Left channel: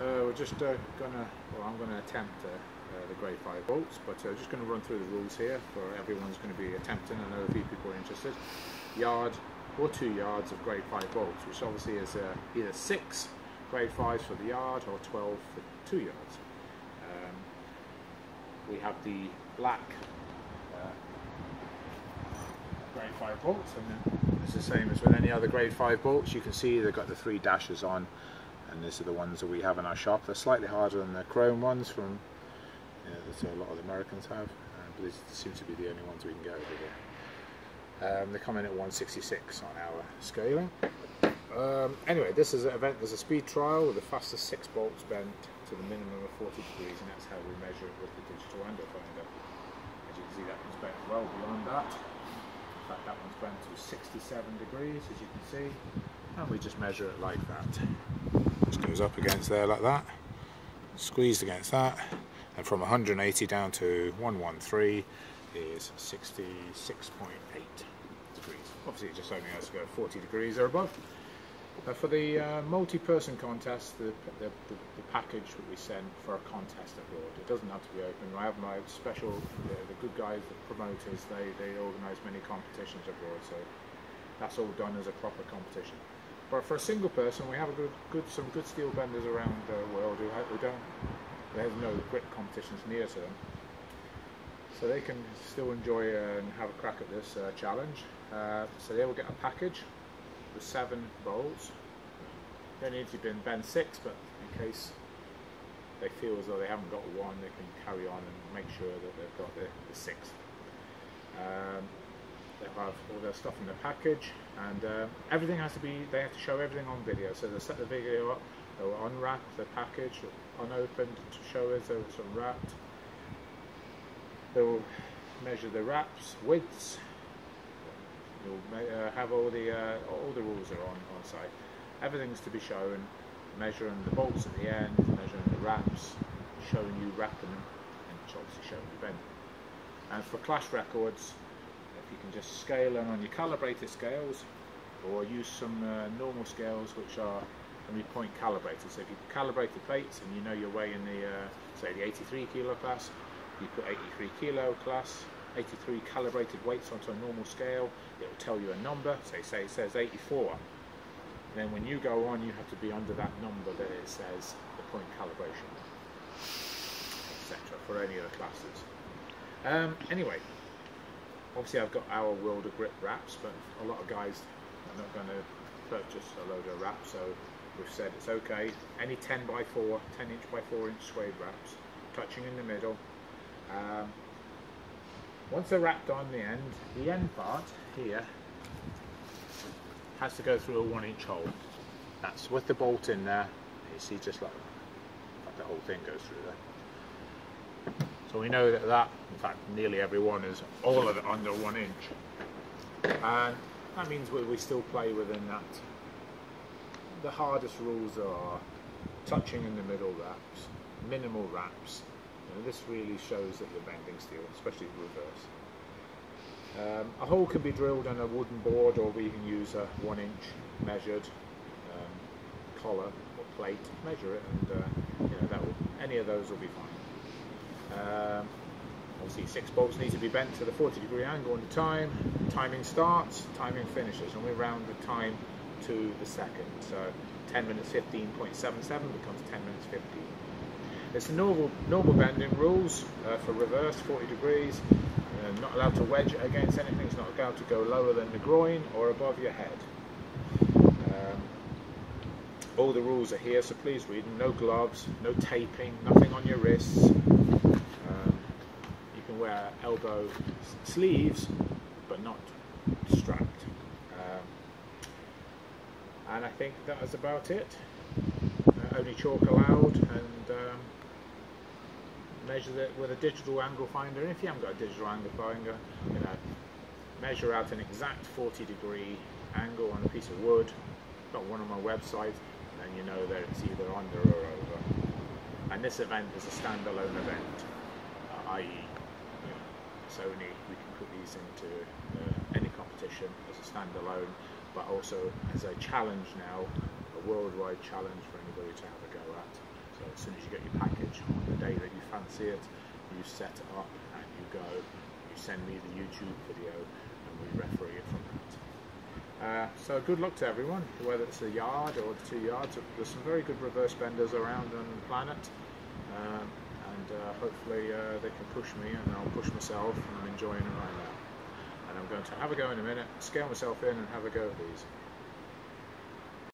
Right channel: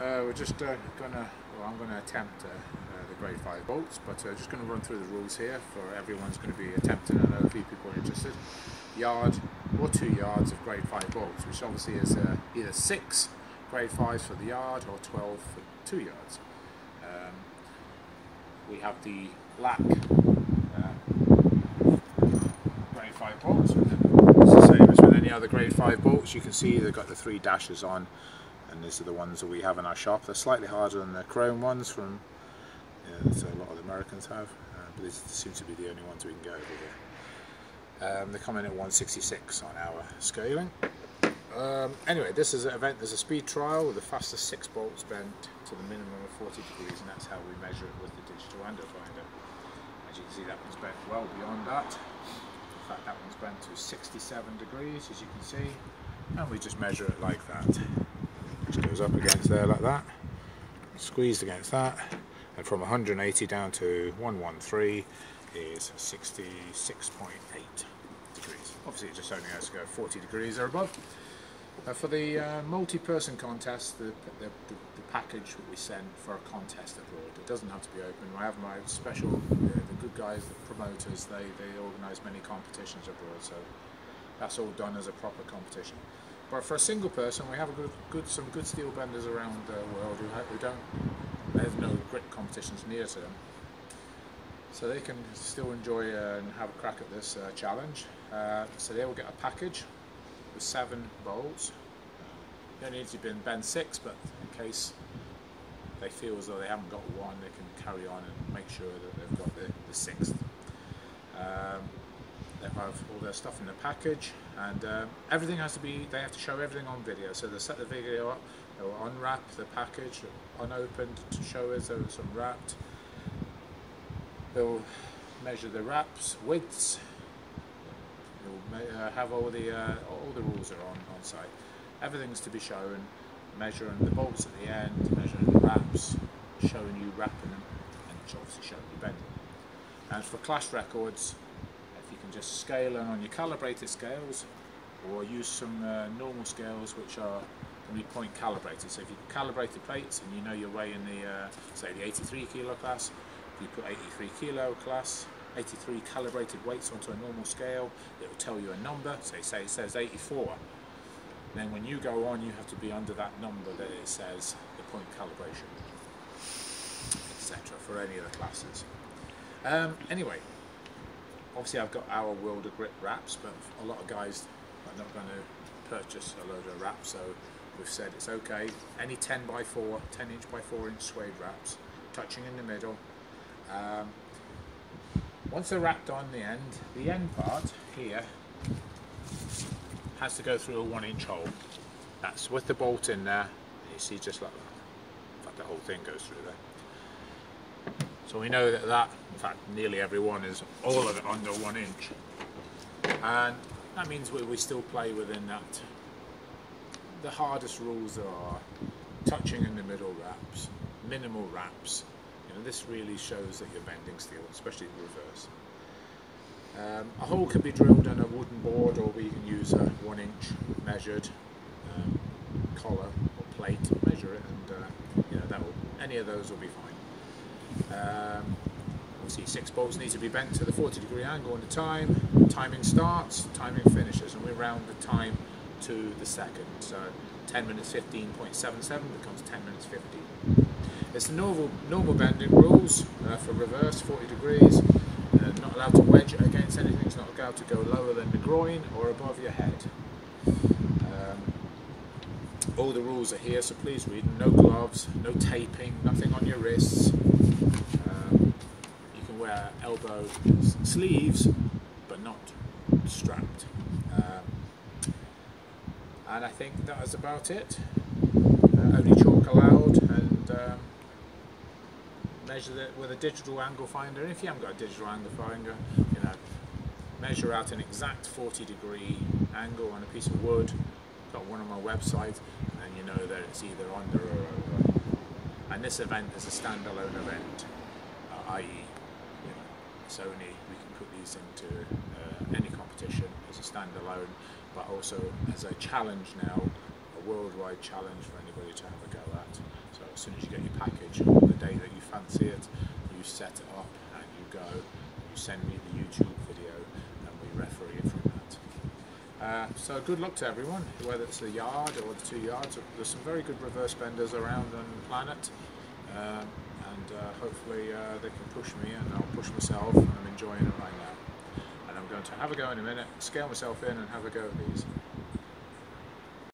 We're just I'm gonna attempt the grade 5 bolts, but just going to run through the rules here for everyone's going to be attempting. I know a few people are interested. Yard or 2 yards of grade 5 bolts, which obviously is either 6 grade 5s for the yard or 12 for 2 yards. We have the black grade 5 bolts, and it's the same as with any other grade 5 bolts. You can see they've got the 3 dashes on, and these are the ones that we have in our shop. They're slightly harder than the chrome ones from that a lot of the Americans have, but these seem to be the only ones we can get over here. They come in at 166 on our scaling. Anyway, this is an event. There's a speed trial with the fastest 6 bolts bent to the minimum of 40 degrees, and that's how we measure it with the digital angle finder. As you can see, that one's bent well beyond that. In fact, that one's bent to 67 degrees, as you can see, and we just measure it like that. Just goes up against there like that, squeezed against that, and from 180 down to 113 is 66.8 degrees. Obviously it just only has to go 40 degrees or above. For the multi-person contest, the package that we send for a contest abroad, it doesn't have to be open. I have my special, the good guys, the promoters, they organise many competitions abroad, so that's all done as a proper competition. But for a single person, we have some good steel benders around the world they have no grit competitions near to them, so they can still enjoy and have a crack at this challenge. So they will get a package with 7 bolts. You only need to bend 6, but in case they feel as though they haven't got one, they can carry on and make sure that they've got the 6th. They'll have all their stuff in the package, and everything has to be, they have to show everything on video. So they'll set the video up, they'll unwrap the package unopened to show as though it's unwrapped. They'll measure the wraps, widths. They'll have all the rules are on site. Everything's to be shown, measuring the bolts at the end, measuring the wraps, showing you wrapping them, and obviously showing you bending. And for class records, if you can just scale in on your calibrated scales, or use some normal scales which are going to be point calibrated. So if you calibrate the plates and you know your way in the say the 83 kilo class, you put 83 kilo class, 83 calibrated weights onto a normal scale, it will tell you a number. So say it says 84. Then when you go on, you have to be under that number that it says the point calibration, etc. for any of the classes. Anyway, obviously I've got our Wilder grip wraps, but a lot of guys are not going to purchase a load of wraps, so we've said it's okay. Any 10 by 4, 10 inch by 4 inch suede wraps, touching in the middle. Once they're wrapped on the end part here has to go through a 1 inch hole. That's with the bolt in there. You see, just like that. In fact, the whole thing goes through there. So we know that, in fact, nearly every one is all of it under 1 inch. And that means we still play within that. The hardest rules are touching in the middle wraps, minimal wraps. This really shows that you're bending steel, especially reverse. A hole can be drilled in a wooden board, or we can use a 1 inch measured collar or plate, measure it, and any of those will be fine. Obviously 6 bolts need to be bent to the 40 degree angle on the time. Timing starts, timing finishes, and we round the time to the second. So 10 minutes 15.77 becomes 10 minutes 15. It's the normal bending rules for reverse, 40 degrees. Not allowed to wedge it against anything. It's not allowed to go lower than the groin or above your head. All the rules are here, so please read them. No gloves, no taping, nothing on your wrists. You can wear elbow sleeves, but not strapped. And I think that is about it. Only chalk allowed, and measure it with a digital angle finder. And if you haven't got a digital angle finder, measure out an exact 40 degree angle on a piece of wood. I've got one on my website, and then you know that it's either under or over. And this event is a standalone event, i.e. it's only, we can put these into any competition as a standalone, but also as a challenge now a worldwide challenge for anybody to have a go at. So as soon as you get your package on the day that you fancy it, you set it up and you go, you send me the YouTube video and we referee it from that. So good luck to everyone, whether it's a yard or the 2 yards. There's some very good reverse benders around on the planet, and hopefully they can push me and I'll push myself, and I'm enjoying it right now. And I'm going to have a go in a minute, scale myself in and have a go at these.